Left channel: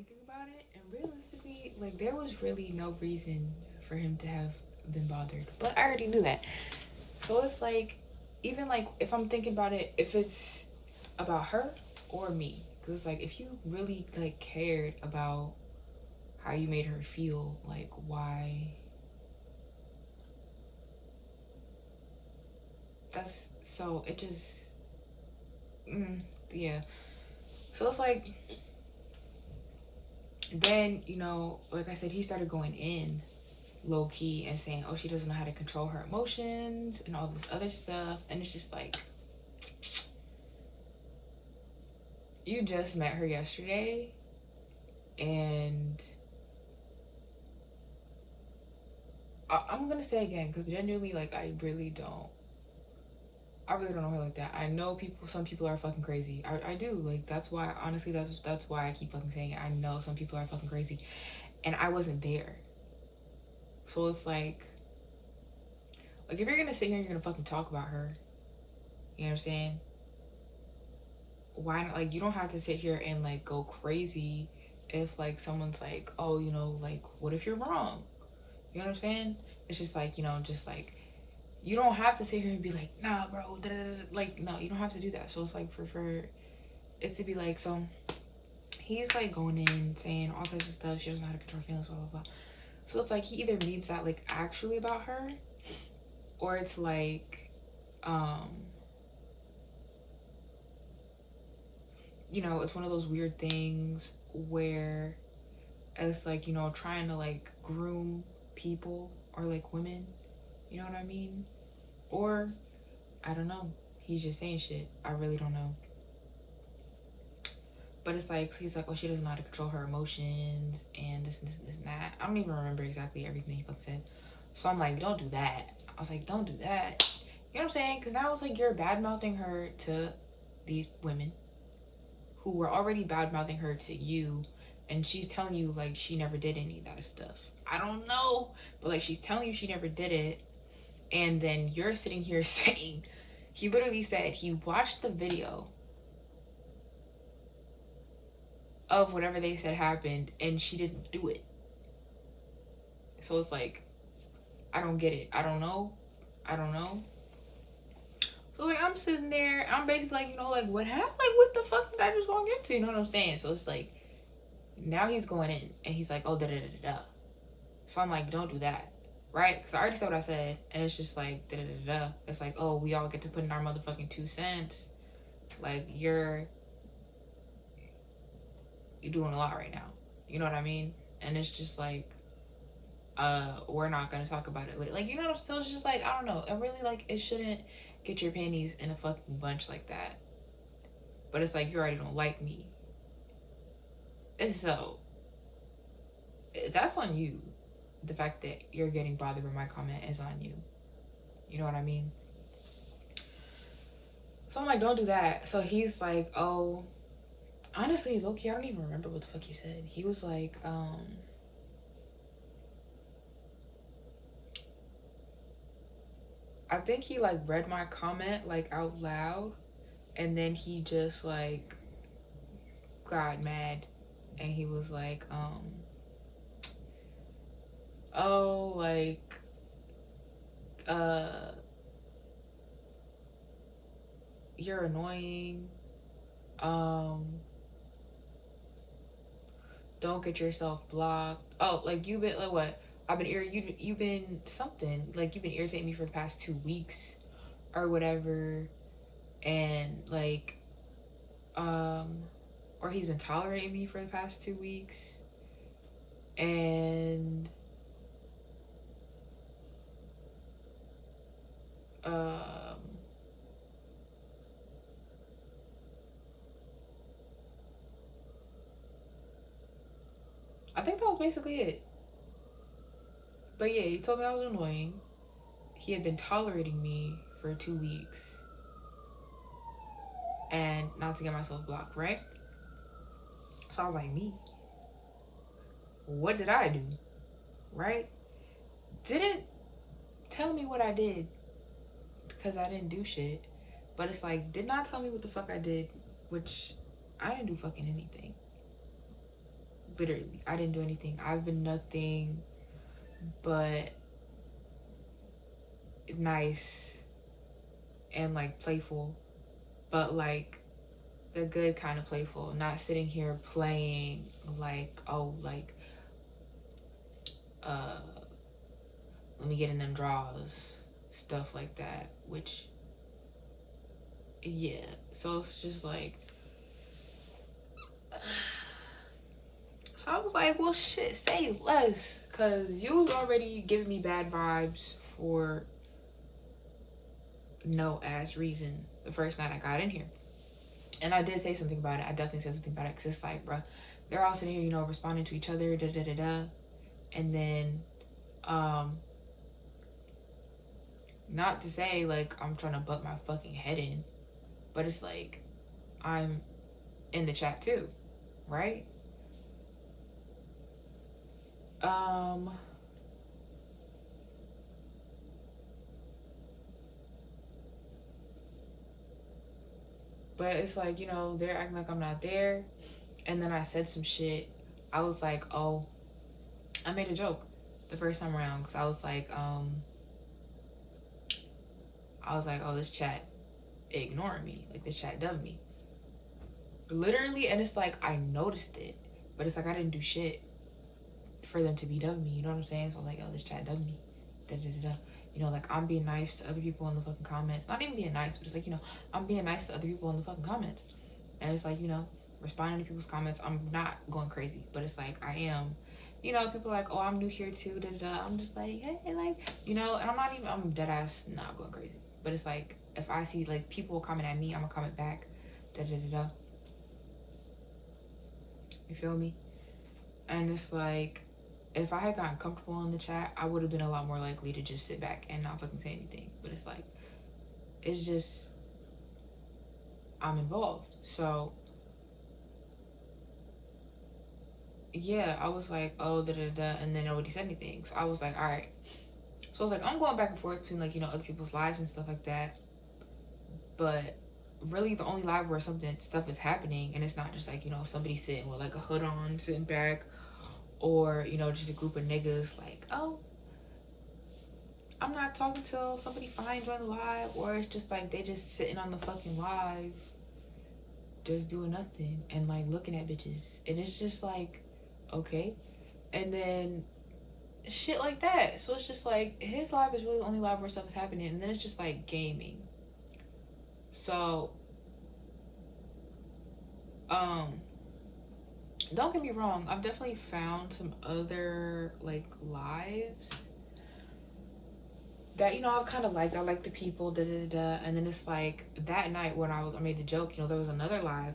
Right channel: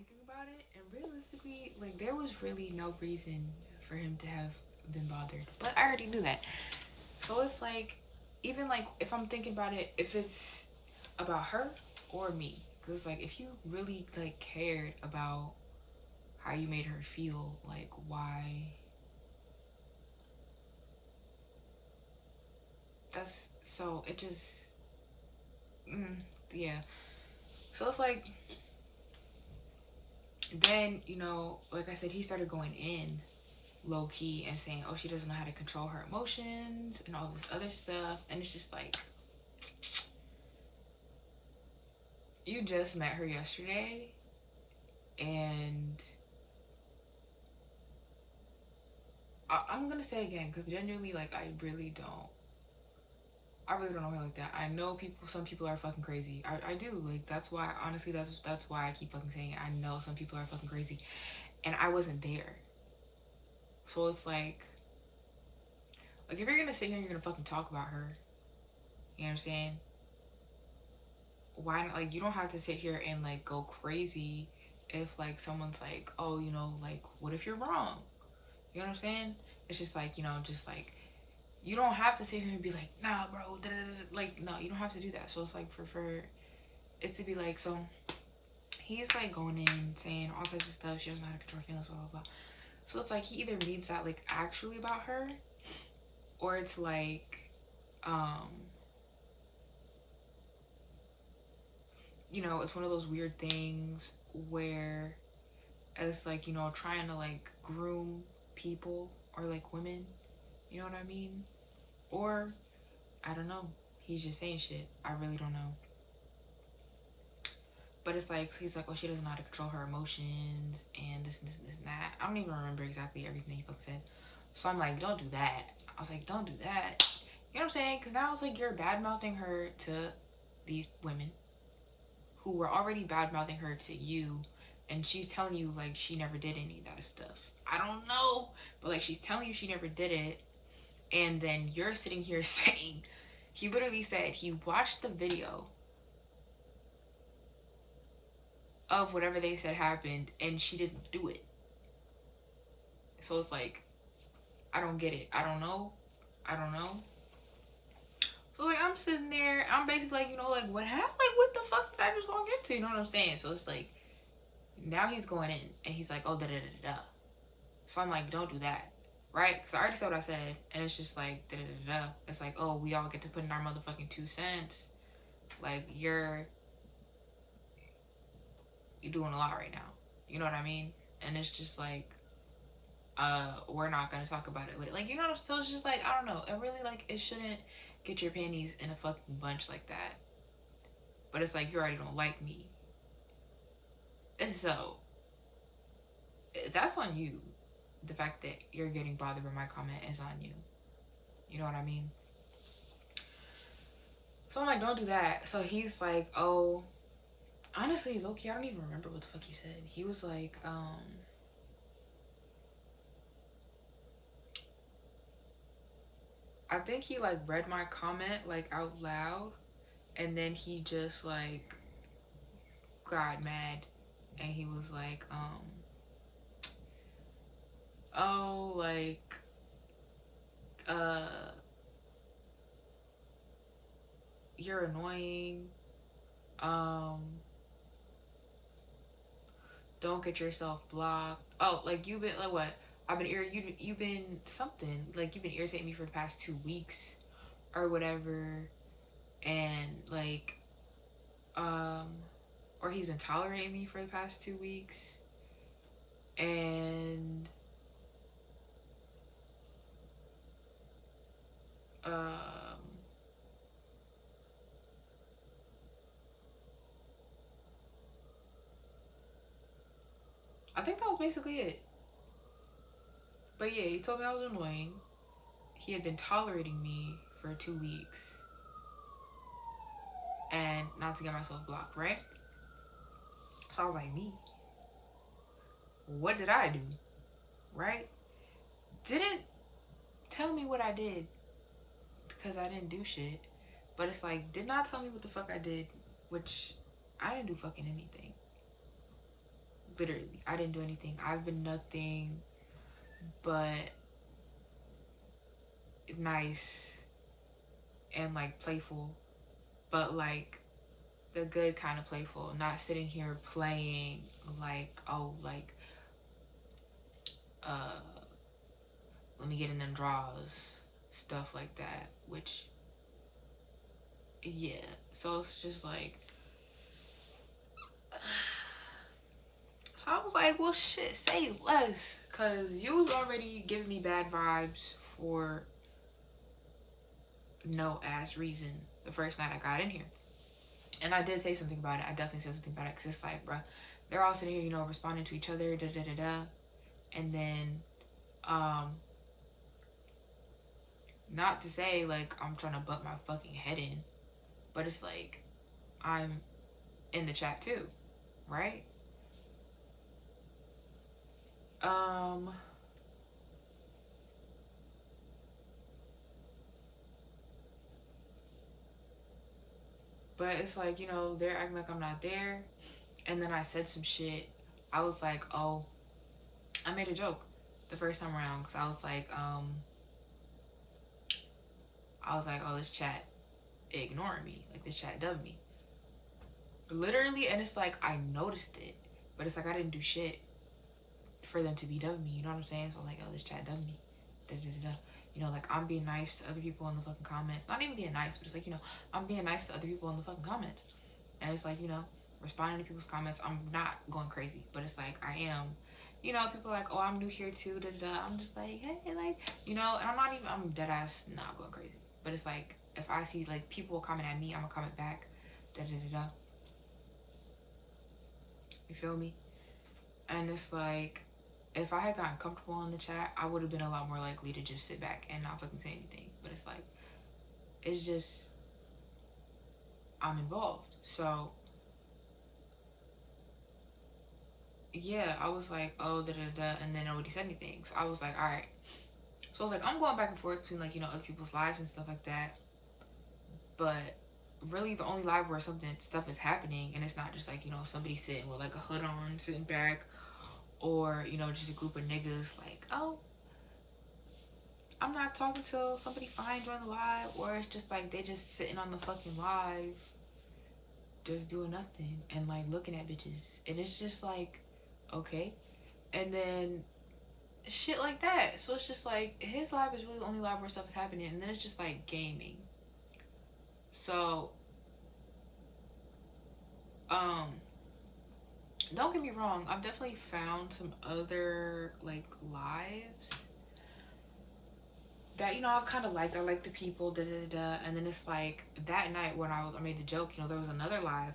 thinking about it, and realistically, like, there was really no reason for him to have been bothered. But I already knew that. So it's like, even like, if I'm thinking about it, if it's about her or me, because it's like, if you really like cared about how you made her feel, like, why? That's so, it just, yeah. So it's like, then, like I said, he started going in low key and saying, oh, she doesn't know how to control her emotions and all this other stuff. And it's just like, you just met her yesterday, and I'm gonna say again, because genuinely, like, I really don't know her like that. I know people, some people are fucking crazy. I do. Like, that's why, honestly, that's why I keep fucking saying it. I know some people are fucking crazy. And I wasn't there. So it's like, if you're gonna sit here and you're gonna fucking talk about her, you know what I'm saying? Why not? Like, you don't have to sit here and like go crazy if like someone's like, oh, like, what if you're wrong? You know what I'm saying? It's just like, just like, you don't have to sit here and be like, nah, bro, da, da, da. Like, no, you don't have to do that. So it's like, for it to be like, so he's like going in saying all types of stuff. She doesn't know how to control feelings, blah blah blah. So it's like, he either means that like actually about her, or it's like, um it's one of those weird things where it's like, trying to like groom people or like women, you know what I mean? Or I don't know, he's just saying shit. I really don't know. But it's like, he's like, oh, she doesn't know how to control her emotions and this and this and this and that. I don't even remember exactly everything he fucking said. So I'm like, don't do that. I was like, don't do that. You know what I'm saying? Because now it's like, you're bad mouthing her to these women who were already bad mouthing her to you, and she's telling you like she never did any of that stuff. I don't know, but like, she's telling you she never did it, and then you're sitting here saying, he literally said he watched the video of whatever they said happened and she didn't do it. So it's like, I don't get it. I don't know. I don't know. So like, I'm sitting there, I'm basically like, like, what happened? Like, what the fuck did I just walk into? You know what I'm saying? So it's like, now he's going in and he's like, oh, da da da da. So I'm like, don't do that. Right? Because I already said what I said. And it's just like, da da da da. It's like, oh, we all get to put in our motherfucking 2 cents. Like, you're doing a lot right now. You know what I mean? And it's just like, we're not gonna talk about it later. Like, what I'm still, it's just like, I don't know. It really, like, it shouldn't get your panties in a fucking bunch like that. But it's like, you already don't like me. And so, that's on you. The fact that you're getting bothered by my comment is on you. You know what I mean? So I'm like, don't do that. So he's like, oh, honestly, low-key, I don't even remember what the fuck he said. He was like, I think he like read my comment like out loud, and then he just like got mad, and he was like, oh, like, uh you're annoying, um don't get yourself blocked. Oh, like, you've been like, what, I've been you've been something, like, you've been irritating me for the past 2 weeks or whatever. And like, or he's been tolerating me for the past 2 weeks. And um I think that was basically it. But yeah, he told me I was annoying. He had been tolerating me for 2 weeks and not to get myself blocked, right? So I was like, me? What did I do? Right? Didn't tell me what I did, because I didn't do shit. But it's like, did not tell me what the fuck I did, which I didn't do fucking anything. Literally, I didn't do anything. I've been nothing but nice and like playful, but like the good kind of playful, not sitting here playing like, oh, like, uh, let me get in them draws, stuff like that, which, yeah. So it's just like, so I was like, well, shit, say less, because you was already giving me bad vibes for no ass reason the first night I got in here. And I did say something about it. I definitely said something about it, because it's like, bruh, they're all sitting here, you know, responding to each other, da da da da. And then, not to say like I'm trying to butt my fucking head in, but it's like I'm in the chat too, right? But it's like, you know, they're acting like I'm not there. And then I said some shit. I was like, oh, I made a joke the first time around, because I was like, oh, this chat ignoring me. Like, this chat dubbed me. Literally, and it's like, I noticed it. But it's like, I didn't do shit for them to be dubbing me. You know what I'm saying? So I'm like, oh, this chat dubbed me. Da da da da. You know, like, I'm being nice to other people in the fucking comments. Not even being nice, but it's like, you know, I'm being nice to other people in the fucking comments. And it's like, you know, responding to people's comments. I'm not going crazy, but it's like, I am. You know, people are like, oh, I'm new here too, da da da. I'm just like, hey, like, you know, and I'm dead ass not going crazy. But it's like, if I see like people comment at me, I'm gonna comment back, da da da da. You feel me? And it's like, if I had gotten comfortable in the chat, I would have been a lot more likely to just sit back and not fucking say anything. But it's like, it's just, I'm involved. So, yeah, I was like, oh, da da da, and then nobody said anything. So I was like, all right. So I was like, I'm going back and forth between like, you know, other people's lives and stuff like that. But really, the only live where stuff is happening, and it's not just like, you know, somebody sitting with like a hood on, sitting back, or, you know, just a group of niggas like, oh, I'm not talking till somebody fine join the live, or it's just like they just sitting on the fucking live, just doing nothing and like looking at bitches, and it's just like, okay. And then shit like that. So it's just like his live is really the only live where stuff is happening, and then it's just like gaming. So don't get me wrong, I've definitely found some other like lives that, you know, I've kind of liked. I like the people, da da da. And then it's like that night when I made the joke, you know, there was another live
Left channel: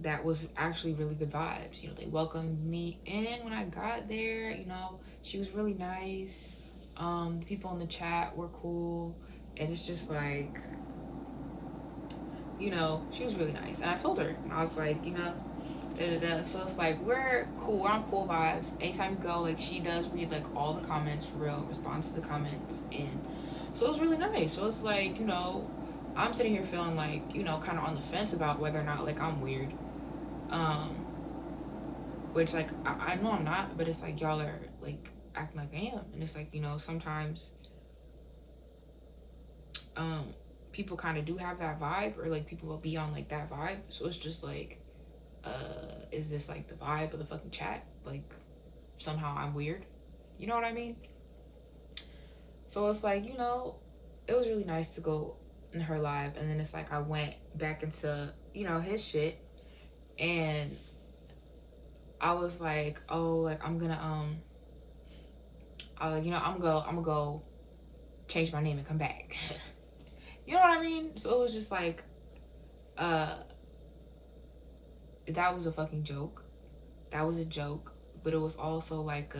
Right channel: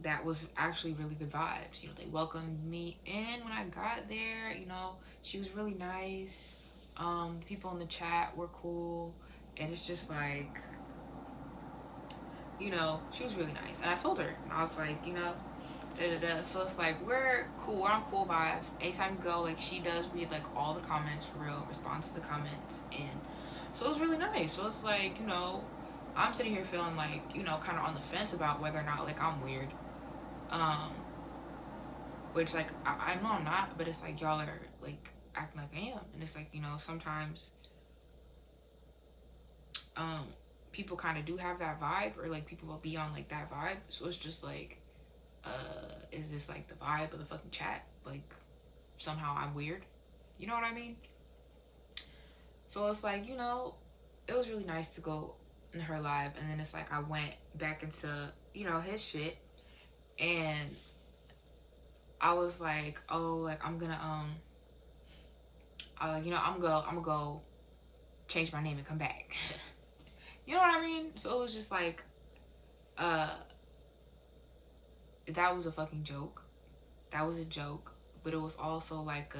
that was actually really good vibes. You know, they welcomed me in when I got there. You know, she was really nice. The people in the chat were cool, and it's just like, you know, she was really nice. And I told her, and I was like, you know, da da da. So it's like, we're cool. We're on cool vibes. Anytime you go, like, she does read like all the comments for real, responds to the comments, and so it was really nice. So it's like, you know, I'm sitting here feeling like, you know, kind of on the fence about whether or not like I'm weird. Which like I know I'm not, but it's like y'all are like acting like I am, and it's like, you know, sometimes people kind of do have that vibe, or like people will be on like that vibe. So it's just like, is this like the vibe of the fucking chat? Like somehow I'm weird, you know what I mean? So it's like, you know, it was really nice to go in her live, and then it's like I went back into, you know, his shit, and I was like, oh, like I'm gonna you know, I'm gonna go change my name and come back. You know what I mean? So it was just like, that was a fucking joke. That was a joke, but it was also like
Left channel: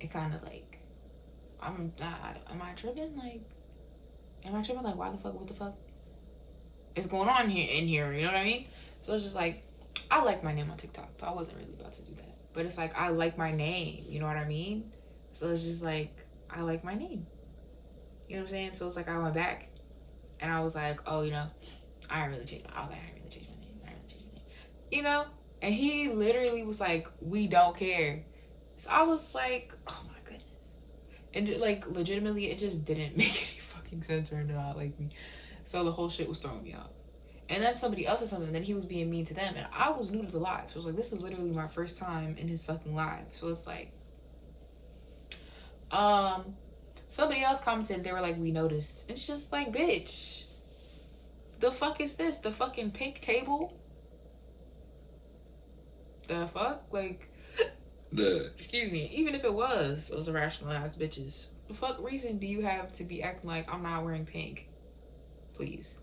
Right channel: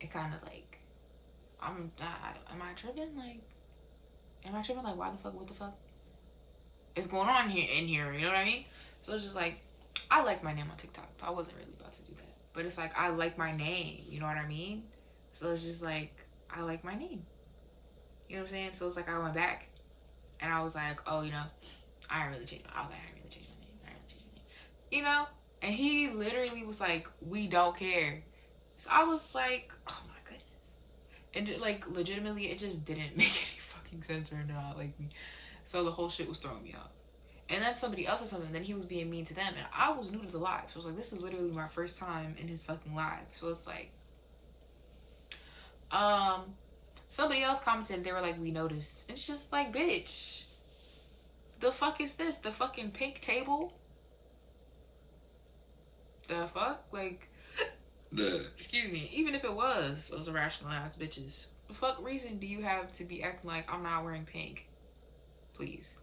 it kind of like, am I tripping? Like, am I tripping? Like, why the fuck? What the fuck is going on in here? You know what I mean? So it's just like, I like my name on TikTok, so I wasn't really about to do that. But it's like, I like my name. You know what I mean? So it's just like, I like my name. You know what I'm saying? So it's like I went back and I was like, oh, you know, I didn't really change my name. You know? And he literally was like, we don't care. So I was like, oh my goodness. And like legitimately it just didn't make any fucking sense or not like me. So the whole shit was throwing me off. And then somebody else said something, and then he was being mean to them, and I was new to the live. So it was like, this is literally my first time in his fucking live. So it's like, somebody else commented, they were like, we noticed. It's just like, bitch, the fuck is this? The fucking pink table? The fuck? Like, excuse me, even if it was those irrational ass bitches, the fuck reason do you have to be acting like I'm not wearing pink? Please.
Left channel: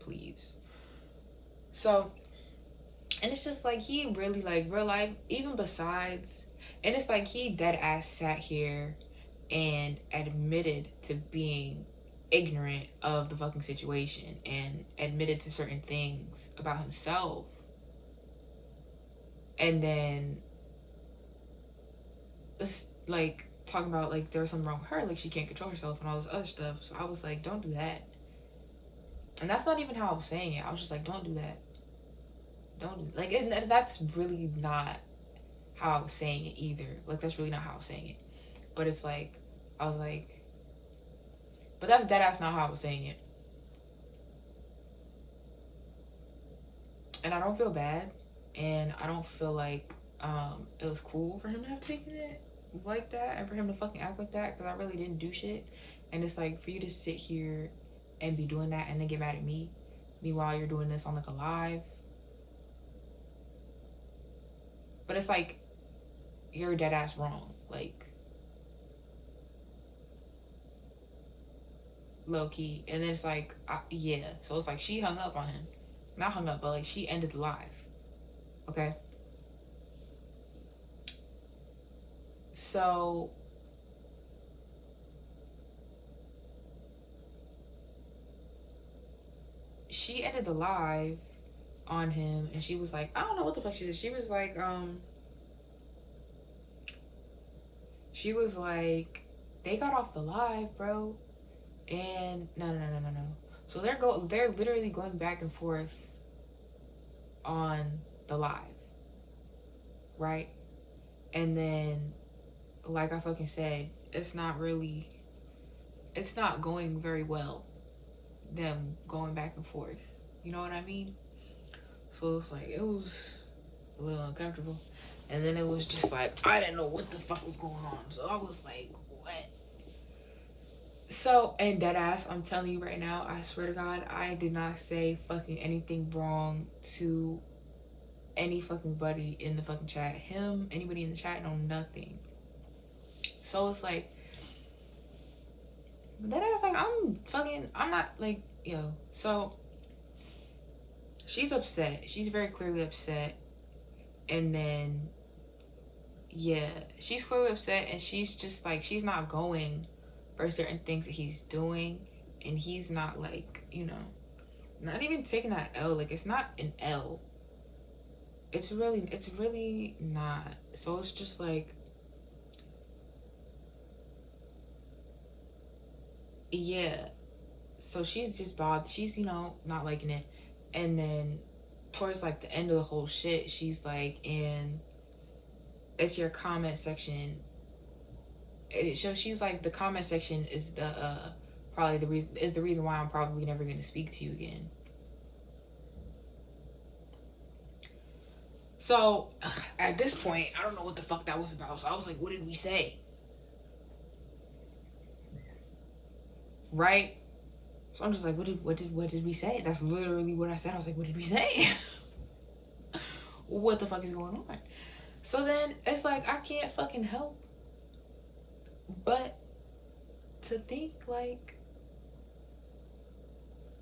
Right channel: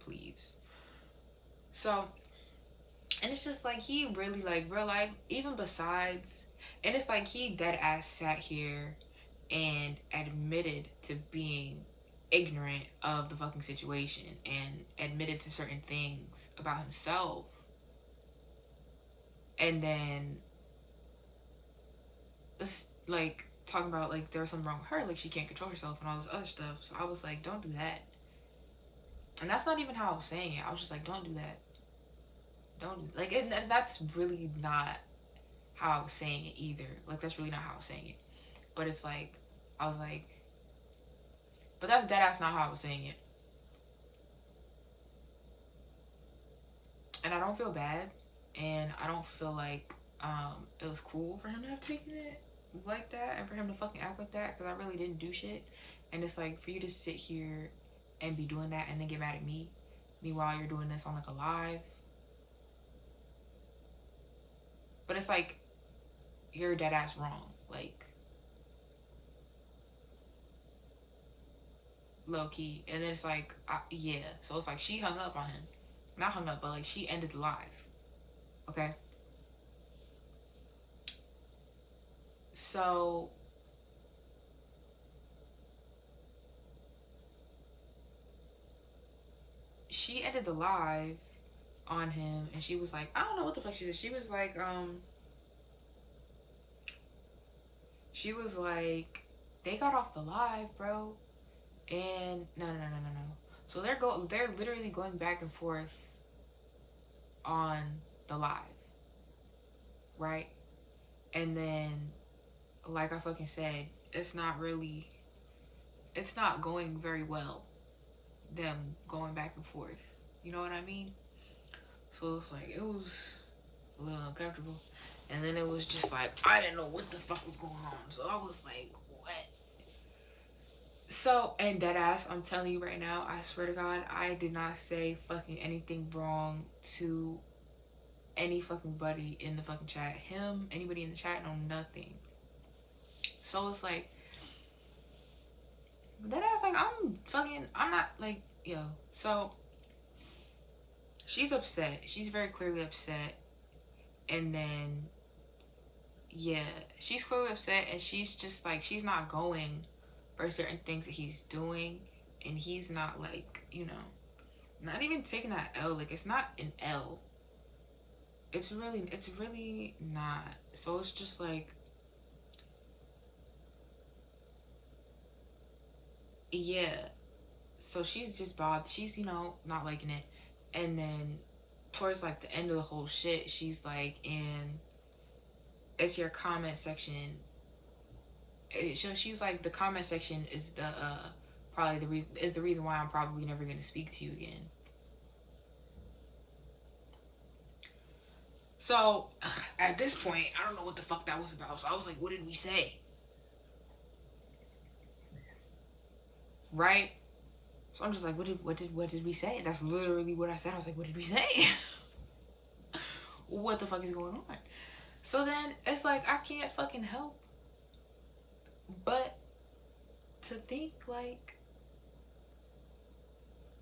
Please. So, and it's just like, he really, like, real life, even besides, and it's like, he dead ass sat here and admitted to being ignorant of the fucking situation and admitted to certain things about himself. And then, it's like, talking about, like, there was something wrong with her, like, she can't control herself and all this other stuff. So I was like, don't do that. And that's not even how I was saying it. I was just like, don't do that. Don't do, like, and that's really not how I was saying it either. Like, that's really not how I was saying it. But it's like, I was like, but that's dead ass not how I was saying it. And I don't feel bad. And I don't feel like it was cool for him to have taken it like that and for him to fucking act like that, because I really didn't do shit. And it's like, for you to sit here and be doing that and then get mad at me, meanwhile you're doing this on like a live. But it's like, you're dead ass wrong. Like, low key. And then it's like, yeah. So it's like, she hung up on him. Not hung up, but like, she ended the live. Okay? So, she ended the live on him, and she was like, I don't know what the fuck she said. She was like, they got off the live, bro. And no. So they're literally going back and forth on the live, right? And then, like I fucking said, it's not going very well, them going back and forth. You know what I mean? So it's like, it was a little uncomfortable. And then it was just like, I didn't know what the fuck was going on. So I was like, what? So, and dead ass, I'm telling you right now, I swear to God, I did not say fucking anything wrong to any fucking buddy in the fucking chat. Him, anybody in the chat, no, nothing. So it's like, that ass, like, I'm not, like, yo. So, she's upset. She's very clearly upset. And then, yeah, she's clearly upset, and she's just, like, she's not going for certain things that he's doing. And he's not, like, you know, not even taking that L. Like, it's not an L. It's really not. So it's just like, yeah. So she's just bothered. She's, you know, not liking it. And then towards like the end of the whole shit, she's like, in it's your comment section. So she's like, the comment section is the probably the reason why I'm probably never gonna speak to you again. So at this point, I don't know what the fuck that was about. So I was like, what did we say? Right? So I'm just like, what did we say? That's literally what I said. I was like, what did we say? What the fuck is going on? So then it's like, I can't fucking help but to think like,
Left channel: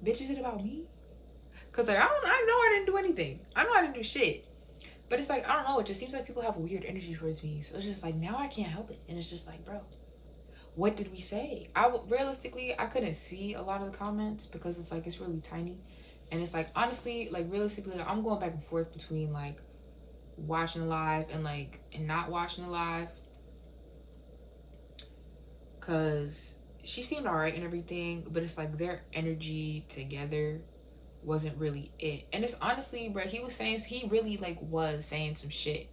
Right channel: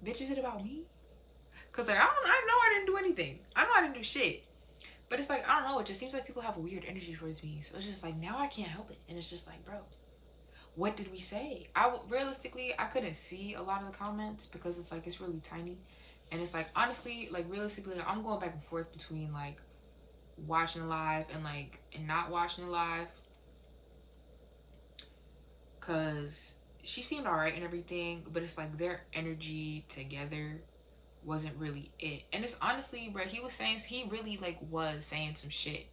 bitch, is it about me? Cause like, I know I didn't do anything. I know I didn't do shit. But it's like, I don't know, it just seems like people have a weird energy towards me. So it's just like, now I can't help it. And it's just like, bro, what did we say? Realistically, I couldn't see a lot of the comments because it's like, it's really tiny. And it's like, honestly, like, realistically, like, I'm going back and forth between like watching live and like, and not watching the live. Cause she seemed alright and everything, but it's like their energy together wasn't really it. And it's honestly, bro, he really like was saying some shit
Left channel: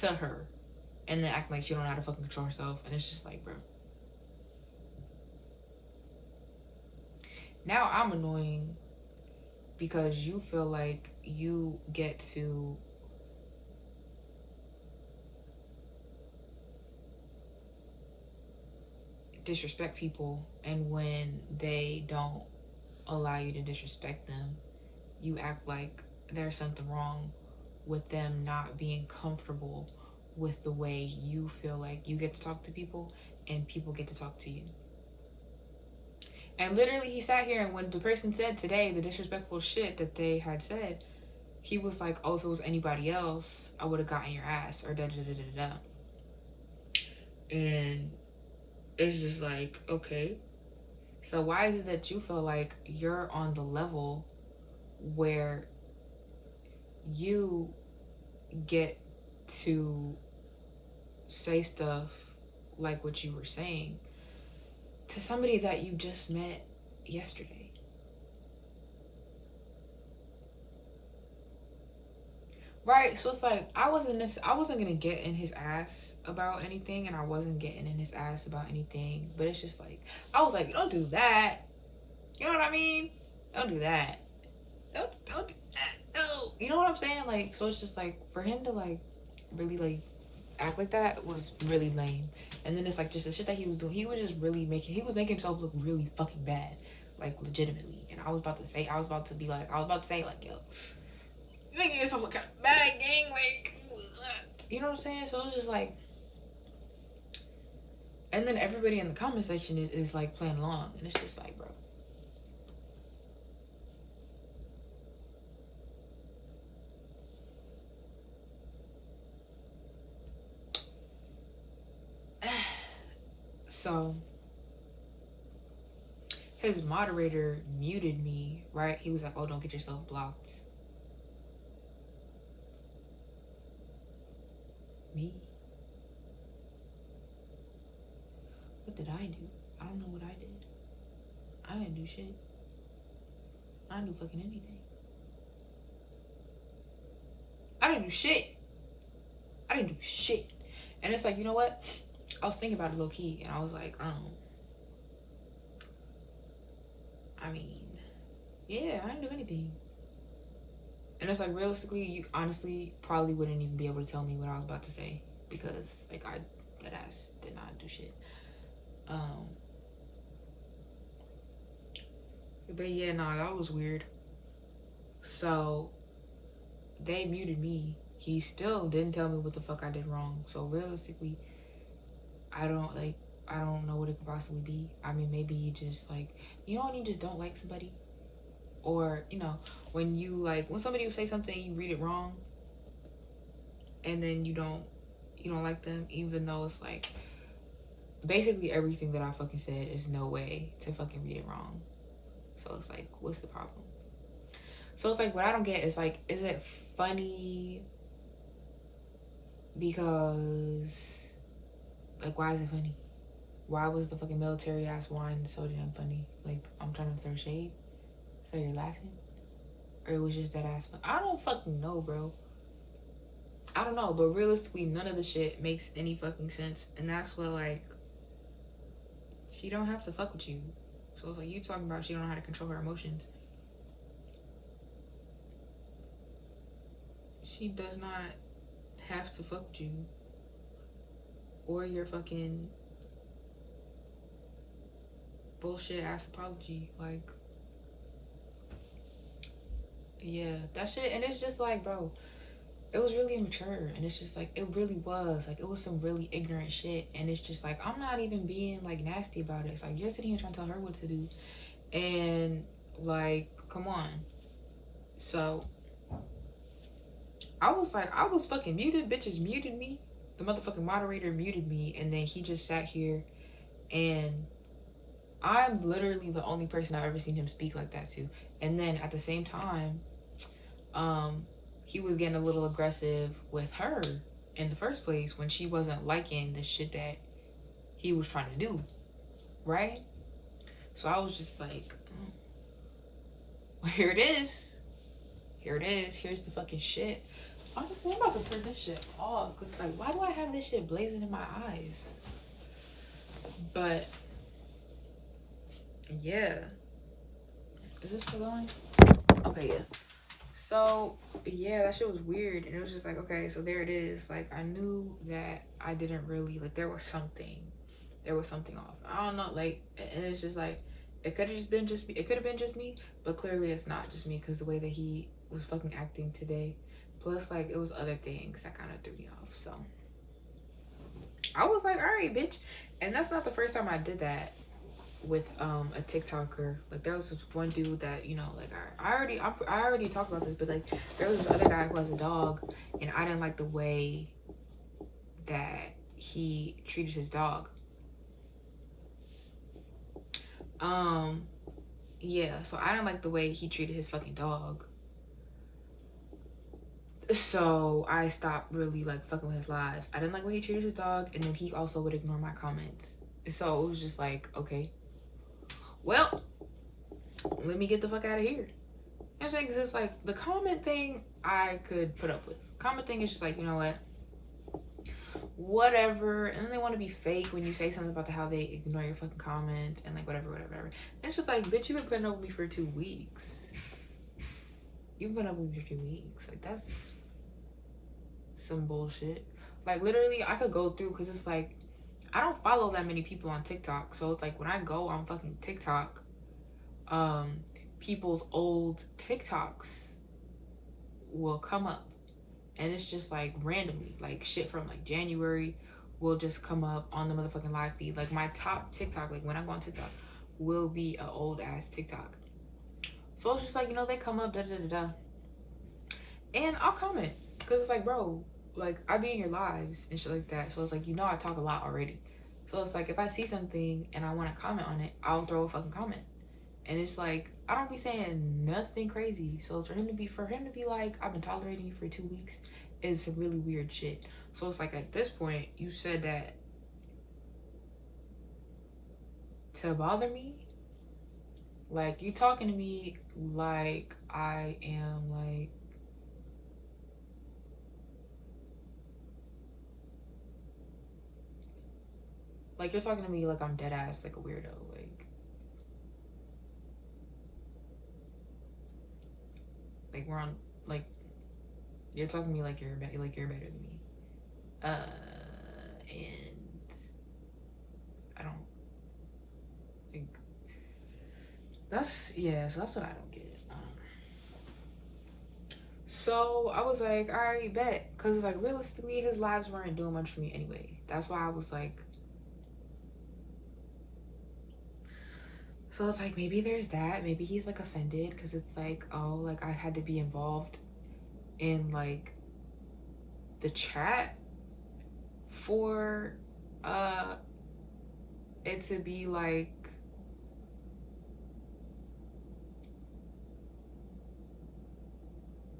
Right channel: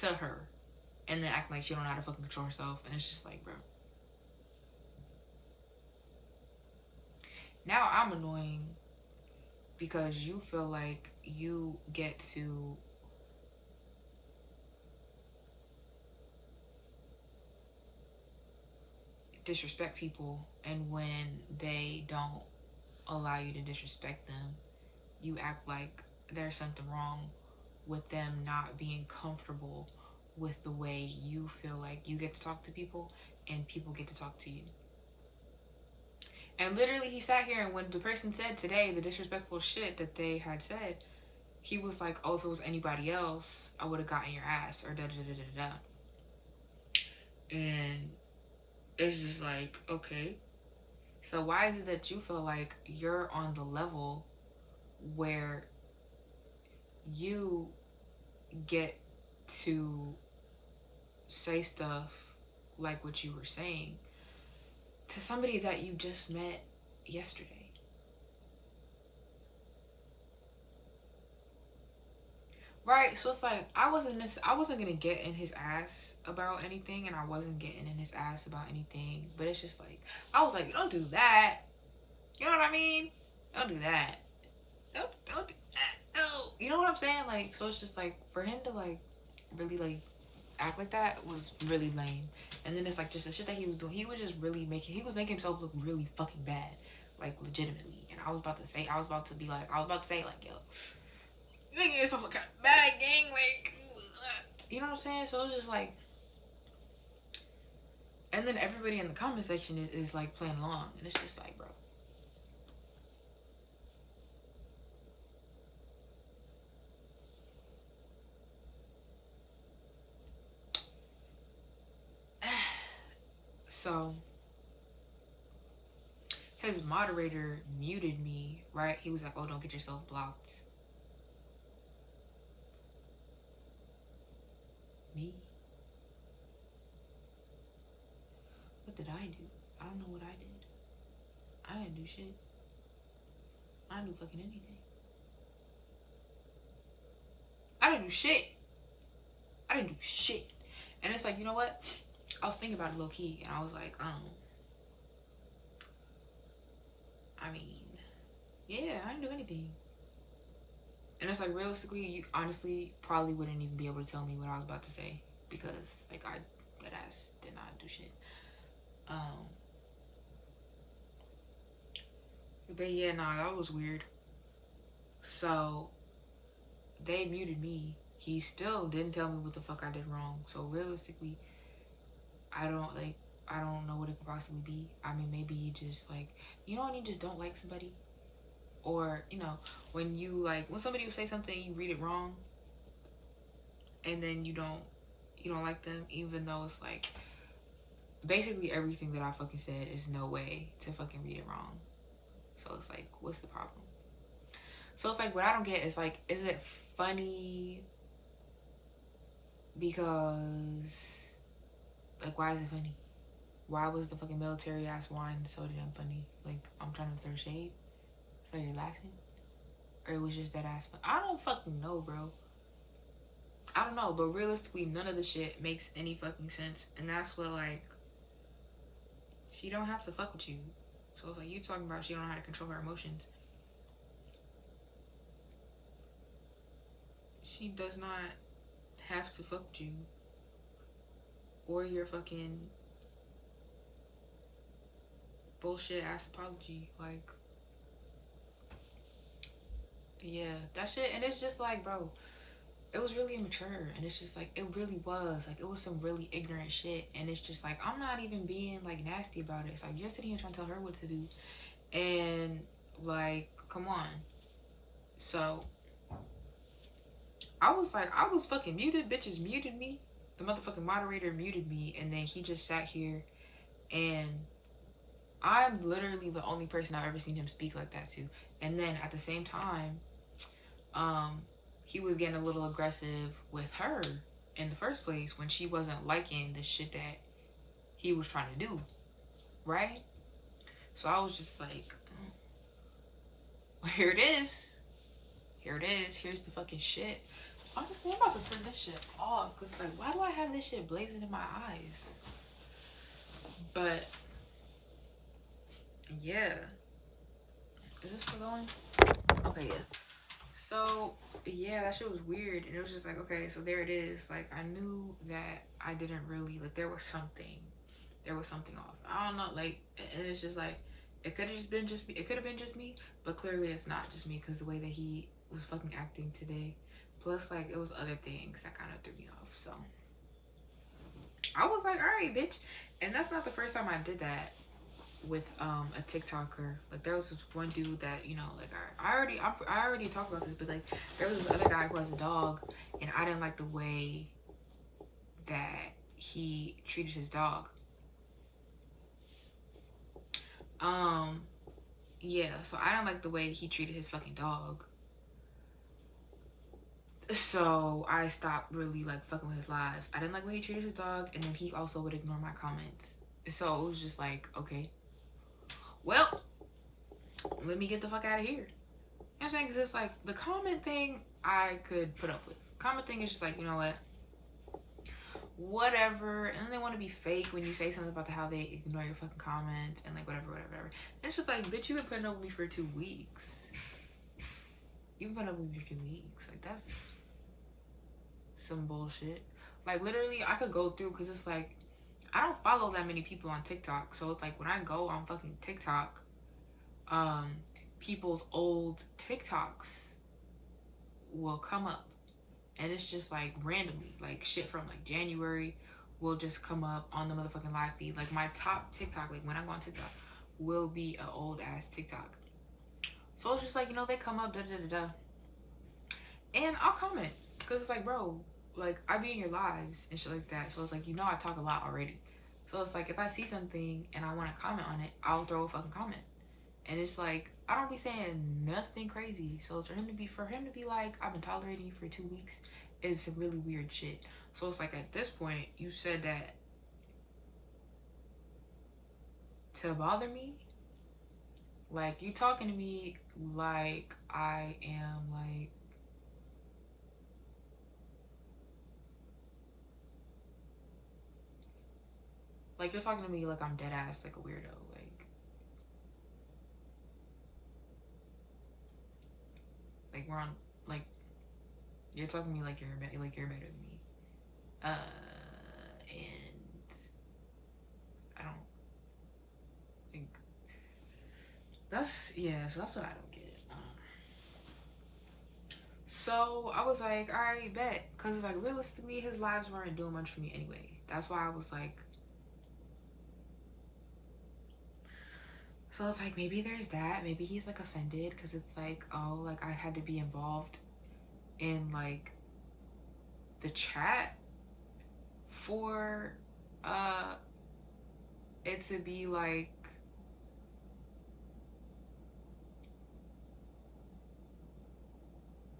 to her and then acting like she don't know how to fucking control herself. And it's just like, bro. Now I'm annoying because you feel like you get to disrespect people, and when they don't allow you to disrespect them, you act like there's something wrong with them not being comfortable with the way you feel like you get to talk to people and people get to talk to you. And literally, he sat here, and when the person said today the disrespectful shit that they had said, he was like, oh, if it was anybody else, I would have gotten your ass, or da da da da da. And it's just like, okay. So why is it that you feel like you're on the level where you get to say stuff like what you were saying to somebody that you just met yesterday? Right? So it's like I wasn't gonna get in his ass about anything, and I wasn't getting in his ass about anything. But it's just like I was like, don't do that. You know what I mean? Don't do that. Don't do that. No. You know what I'm saying? Like, so it's just like for him to like really like act like that was really lame. And then it's like just the shit that he was doing. He was just really making himself look really fucking bad, like legitimately. And I was about to say like, yo, you making yourself look kind of bad, gang. Like, you know what I'm saying? So it's just like, and then everybody in the comment section is like playing along, and it's just like, bro. So his moderator muted me, right? He was like, oh, don't get yourself blocked. Me? What did I do? I don't know what I did. I didn't do shit. I didn't do fucking anything. I didn't do shit. I didn't do shit. And it's like, you know what? I was thinking about it low key, and I was like, I mean, yeah, I didn't do anything. And it's like, realistically, you honestly probably wouldn't even be able to tell me what I was about to say, because like that ass did not do shit. But yeah, nah, that was weird. So they muted me. He still didn't tell me what the fuck I did wrong. So realistically, I don't know what it could possibly be. I mean, maybe you just like, you know, when you just don't like somebody, or you know, when somebody will say something, you read it wrong, and then you don't like them, even though it's like basically everything that I fucking said is no way to fucking read it wrong. So it's like, what's the problem? So it's like, what I don't get is like, is it funny because like, why is it funny? Why was the fucking military ass wine so damn funny? Like, I'm trying to throw shade, so you're laughing, or it was just that ass fun? I don't fucking know, bro. I don't know, but realistically, none of the shit makes any fucking sense, and that's what, like, she don't have to fuck with you. So it's like, you talking about she don't know how to control her emotions. She does not have to fuck with you or your fucking bullshit ass apology. Like, yeah, that shit. And it's just like, bro, it was really immature, and it's just like, it really was like, it was some really ignorant shit. And it's just like, I'm not even being like nasty about it. It's like, you're sitting here trying to tell her what to do, and like, come on. So I was fucking muted. Bitches muted me. The motherfucking moderator muted me, and then he just sat here, and I'm literally the only person I've ever seen him speak like that to. And then at the same time, he was getting a little aggressive with her in the first place when she wasn't liking the shit that he was trying to do, right? So I was just like, Here it is. Here it is. Here's the fucking shit. Honestly, I'm about to turn this shit off. Because, like, why do I have this shit blazing in my eyes? But, yeah. Is this still going? Okay, yeah. So, yeah, that shit was weird. And it was just like, okay, so there it is. Like, I knew that I didn't really, like, there was something. There was something off. I don't know, like, and it's just like, it could have just been just me. It could have been just me, but clearly it's not just me because the way that he was fucking acting today. Plus, like, it was other things that kind of threw me off. So, I was like, all right, bitch. And that's not the first time I did that with a TikToker. Like there was this one dude that, you know, like I already talked about this, but like there was this other guy who has a dog, and I didn't like the way that he treated his dog. Yeah, so I didn't like the way he treated his fucking dog. So I stopped really like fucking with his lives. I didn't like the way he treated his dog, and then he also would ignore my comments. So it was just like, okay, well, let me get the fuck out of here. You know what I'm saying? Because it's like the comment thing I could put up with. Comment thing is just like, you know what? Whatever. And then they want to be fake when you say something about how they ignore your fucking comments and like whatever. And it's just like, bitch, you've been putting up with me for 2 weeks. You've been putting up with me for 2 weeks. Like that's some bullshit. Like literally I could go through, because it's like I don't follow that many people on TikTok. So it's like when I go on fucking TikTok, people's old TikToks will come up, and it's just like randomly, like shit from like January will just come up on the motherfucking live feed. Like my top TikTok, like when I go on TikTok, will be an old ass TikTok. So it's just like, you know, they come up, da da da da, and I'll comment because it's like, bro, like I be in your lives and shit like that. So it's like, you know, I talk a lot already. So it's like if I see something and I want to comment on it, I'll throw a fucking comment. And it's like I don't be saying nothing crazy. So it's for him to be like, I've been tolerating you for 2 weeks is some really weird shit. So it's like at this point, you said that to bother me. Like you talking to me like I am like you're talking to me like I'm dead ass like a weirdo. Like we're on, like you're talking to me like you're better than me. And I don't think that's, yeah. So that's what I don't get. So I was like, all right, bet, because like realistically, his lives weren't doing much for me anyway. That's why I was like, so it's like maybe there's that. Maybe he's like offended because it's like, oh, like I had to be involved in like the chat for it to be like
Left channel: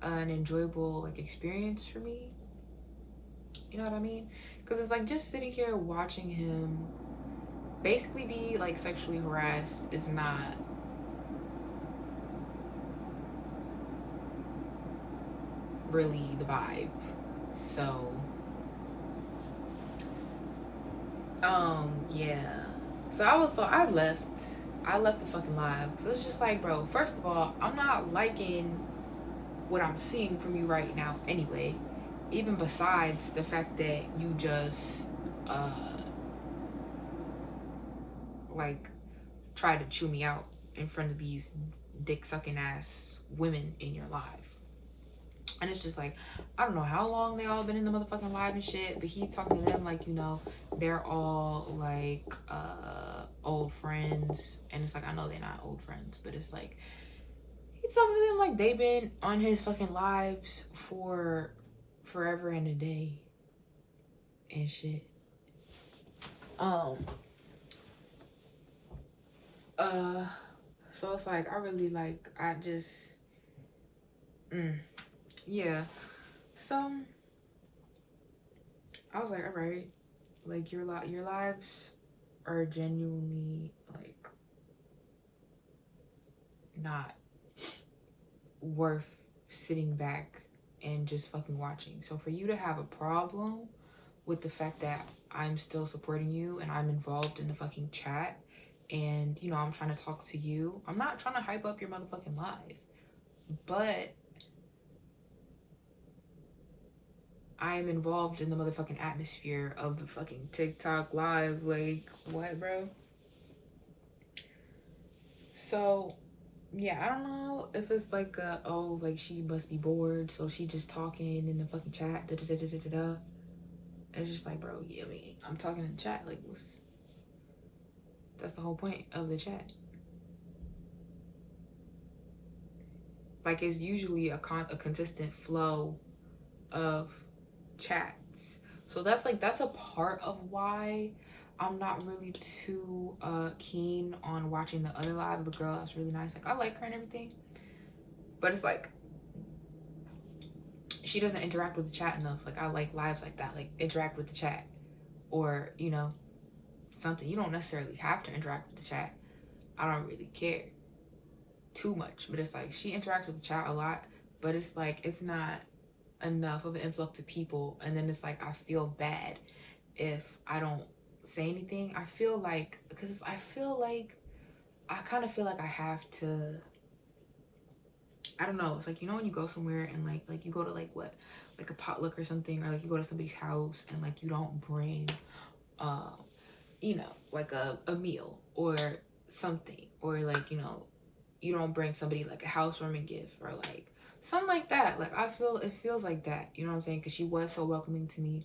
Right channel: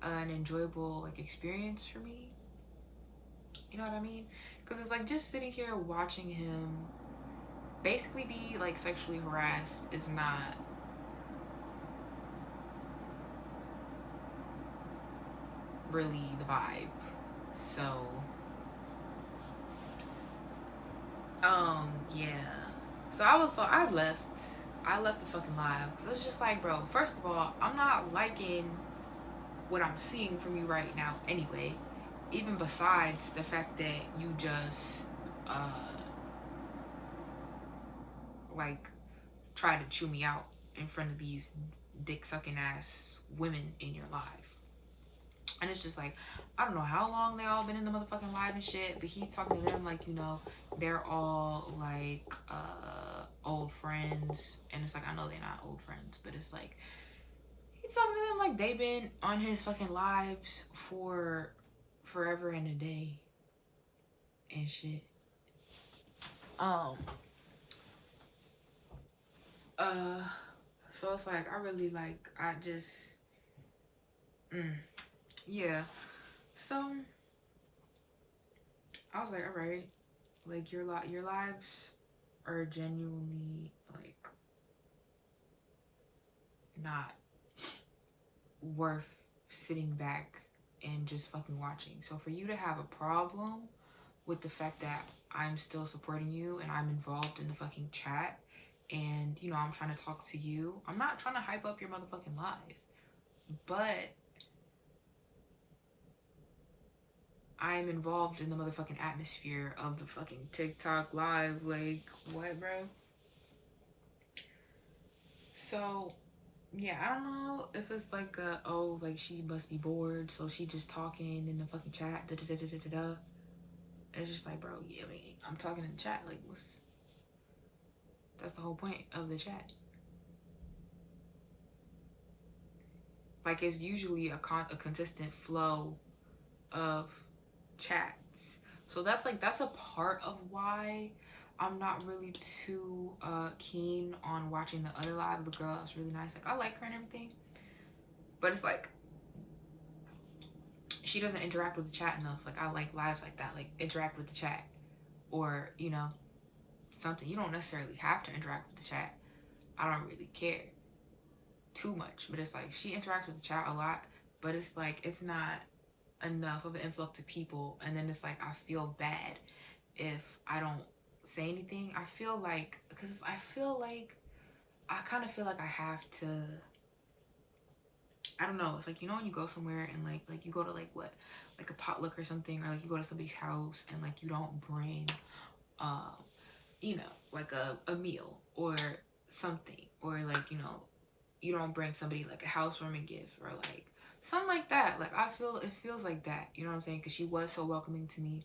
an enjoyable like experience for me. You know what I mean? Because it's like just sitting here watching him basically be like sexually harassed is not really the vibe. So yeah. So I left the fucking live because it's just like, bro, first of all, I'm not liking what I'm seeing from you right now anyway, even besides the fact that you just like try to chew me out in front of these dick sucking ass women in your life. And it's just like, I don't know how long they all been in the motherfucking live and shit, but he talking to them like, you know, they're all like old friends. And it's like, I know they're not old friends, but it's like he's talking to them like they've been on his fucking lives for forever and a day and shit. So it's like I really like I just yeah. So I was like, all right, like your lives are genuinely like not worth sitting back and just fucking watching. So for you to have a problem with the fact that I'm still supporting you and I'm involved in the fucking chat and, you know, I'm trying to talk to you, I'm not trying to hype up your motherfucking live, but I'm involved in the motherfucking atmosphere of the fucking TikTok live. Like, what, bro? So yeah, I don't know if it's like oh, like she must be bored, so she just talking in the fucking chat, da da da da da da. It's just like, bro, yeah, I mean, I'm talking in the chat, like, that's the whole point of the chat. Like, it's usually a consistent flow of chats. So that's a part of why I'm not really too keen on watching the other live of the girl that's really nice. Like, I like her and everything, but it's like she doesn't interact with the chat enough. Like, I like lives like that, like interact with the chat, or, you know, something. You don't necessarily have to interact with the chat. I don't really care too much, but it's like she interacts with the chat a lot, but it's like it's not enough of an influx of people. And then it's like I feel bad if I don't say anything. I feel like, because I kind of feel like I have to, I don't know, it's like, you know, when you go somewhere and like you go to like what, like a potluck or something, or like you go to somebody's house and like you don't bring you know, like a meal or something, or like, you know, you don't bring somebody like a housewarming gift or like something like that. Like, I feel it feels like that, you know what I'm saying? Because she was so welcoming to me,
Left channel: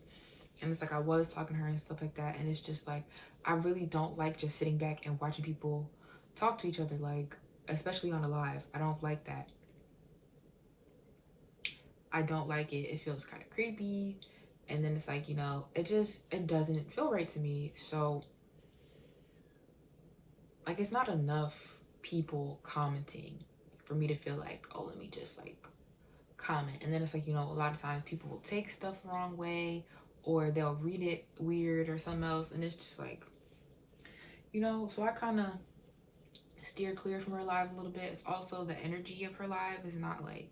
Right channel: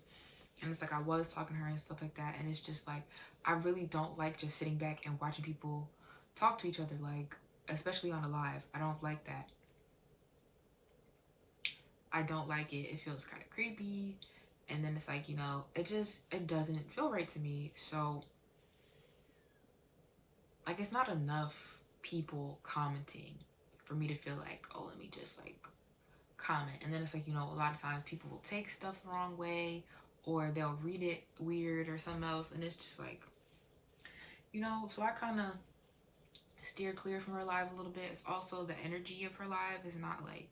and it's like I was talking to her and stuff like that, and it's just like I really don't like just sitting back and watching people talk to each other, like, especially on a live. I don't like that. I don't like it. It feels kind of creepy, and then it's like, you know, it doesn't feel right to me. So like, it's not enough people commenting for me to feel like, oh, let me just like comment. And then it's like, you know, a lot of times people will take stuff the wrong way, or they'll read it weird or something else, and it's just like, you know. So I kind of steer clear from her live a little bit. It's also the energy of her live is not like,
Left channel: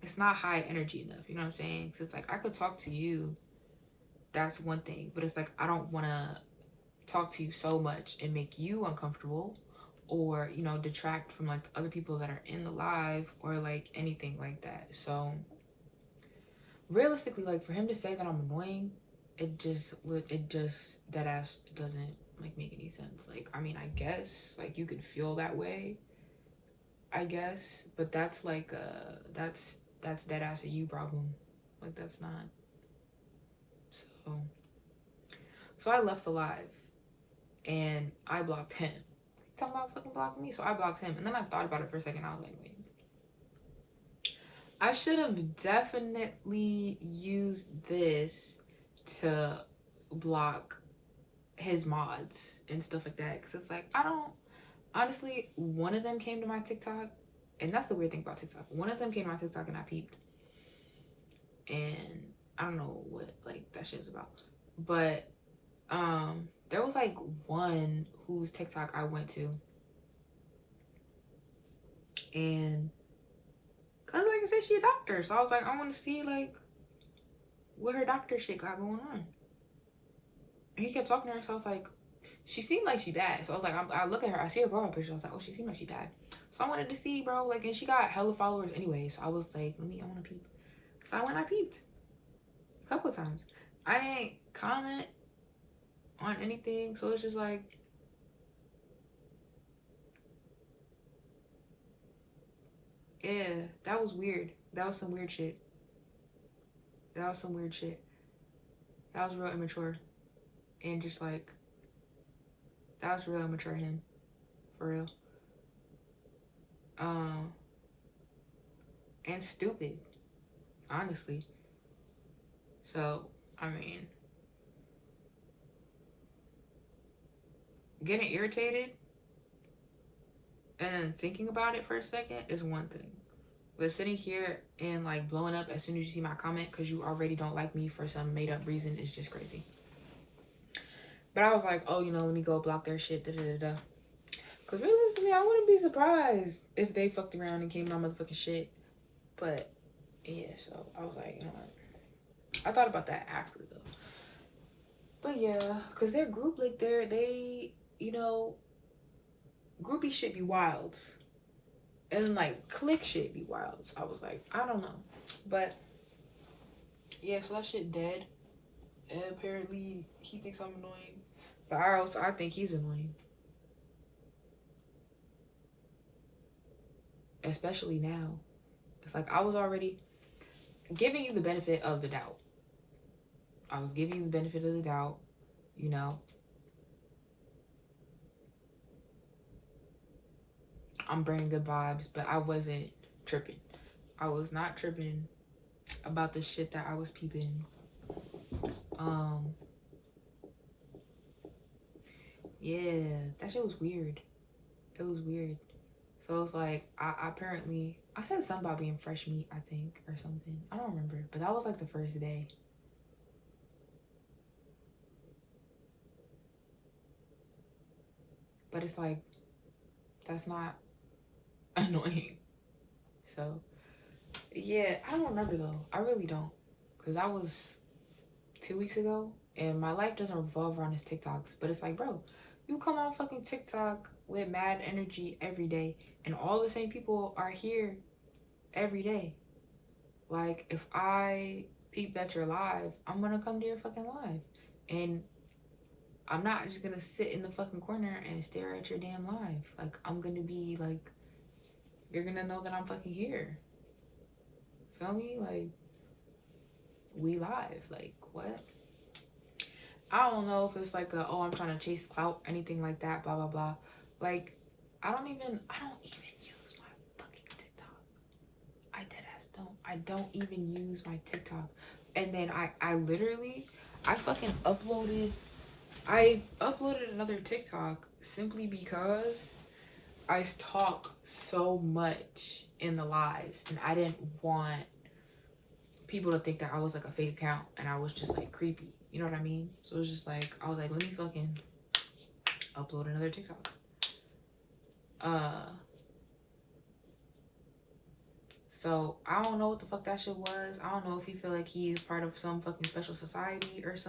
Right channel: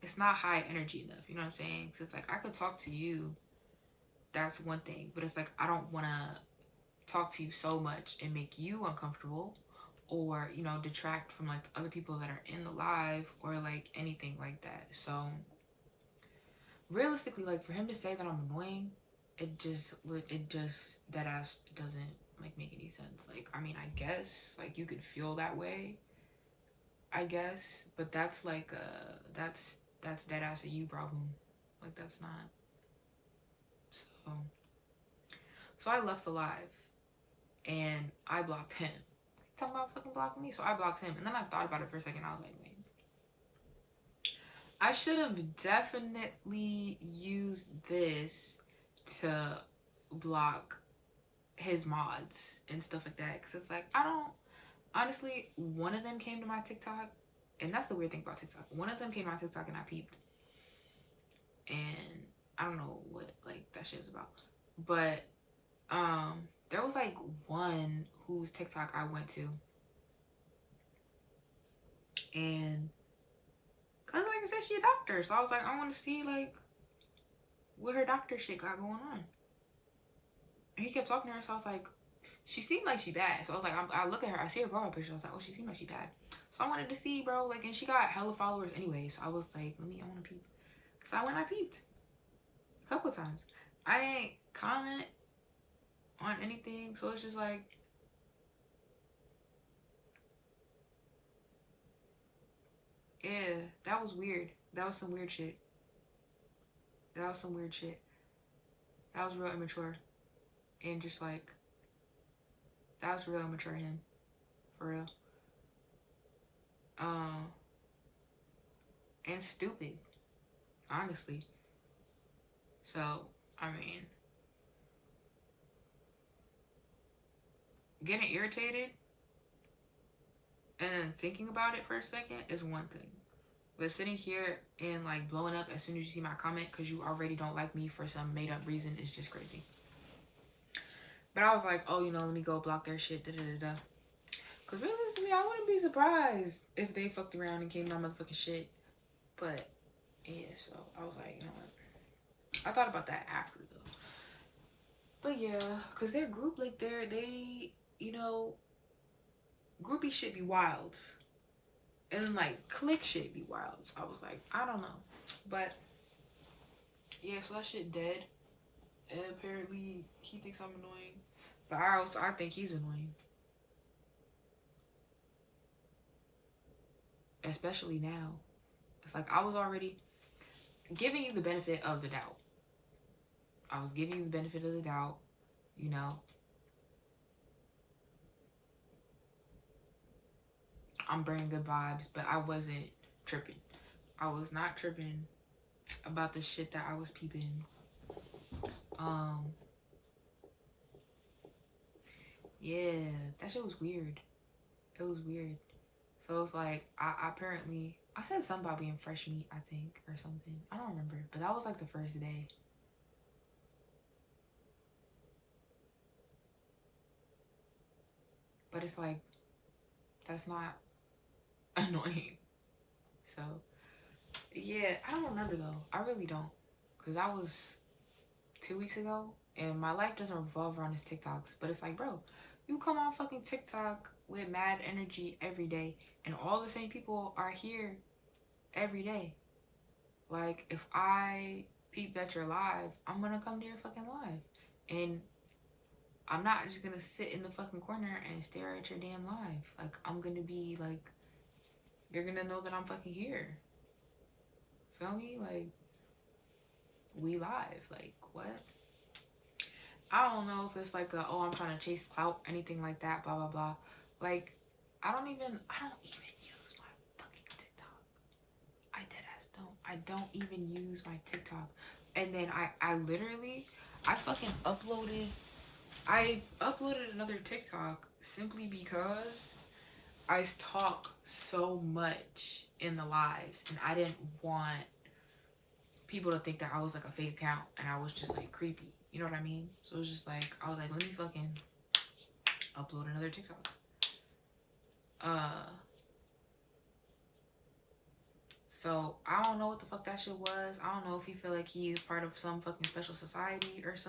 it's not high energy enough, you know what I'm saying? Because it's like, I could talk to you, that's one thing, but it's like I don't want to talk to you so much and make you uncomfortable, or, you know, detract from like the other people that are in the live, or like anything like that. So realistically, like, for him to say that I'm annoying, it just that ass doesn't like make any sense. Like, I mean, I guess like you could feel that way, I guess, but that's like that's dead ass a you problem. Like, that's not. So I left the live and I blocked him. Talking about fucking blocking me. So I blocked him, and then I thought about it for a second. I was like, wait, I should have definitely used this to block his mods and stuff like that, because it's like, I don't, honestly, one of them came to my TikTok, and that's the weird thing about TikTok. One of them came to my TikTok and I peeped, and I don't know what like that shit was about, but there was like one whose TikTok I went to, and cause like I said, she a doctor, so I was like, I want to see like what her doctor shit got going on. And he kept talking to her, so I was like, she seemed like she bad. So I was like, I look at her, I see her profile picture, I was like, oh, she seemed like she bad. So I wanted to see, bro, like, and she got hella followers anyway. So I was like, I want to peep. So I went, I peeped a couple of times. I didn't comment on anything, so it's just like, yeah, that was weird. That was some weird shit. That was some weird shit. That was real immature. And just like, that was real immature him. For real. And stupid, honestly. So, I mean, getting irritated and then thinking about it for a second is one thing. But sitting here and like blowing up as soon as you see my comment because you already don't like me for some made up reason is just crazy. But I was like, oh, you know, let me go block their shit, da da da da. Because realistically, I wouldn't be surprised if they fucked around and came to my motherfucking shit But yeah, so I was like, you know what? I thought about that after though. But yeah, cause their group, like they, you know, groupie shit be wild, and then like click shit be wild. So I was like, I don't know, but yeah, so that shit dead. And apparently he thinks I'm annoying, but I think he's annoying, especially now. It's like I was already giving you the benefit of the doubt. I was giving you the benefit of the doubt, you know. I'm bringing good vibes, but I wasn't tripping. I was not tripping about the shit that I was peeping. Um, yeah, that shit was weird. It was weird. So it's like I said something about being fresh meat, I think, or something. I don't remember, but that was like the first day. But it's like that's not annoying. So yeah, I don't remember though. I really don't, cause that was 2 weeks ago, and my life doesn't revolve around his TikToks. But it's like, bro, you come on fucking TikTok with mad energy every day, and all the same people are here every day. Like, if I peep that you're live, I'm gonna come to your fucking live, and I'm not just gonna sit in the fucking corner and stare at your damn live. Like, I'm gonna be like, you're gonna know that I'm fucking here. Feel me? Like, we live. Like, what? I don't know if it's like a, oh, I'm trying to chase clout, anything like that, blah, blah, blah. Like, I don't even use my fucking TikTok. I dead ass don't. I don't even use my TikTok. And then I literally, I uploaded another TikTok simply because I talk so much in the lives, and I didn't want people to think that I was like a fake account and I was just like creepy. You know what I mean? So it was just like, I was like, let me fucking upload another TikTok. So I don't know what the fuck that shit was. I don't know if he feel like he is part of some fucking special society or something.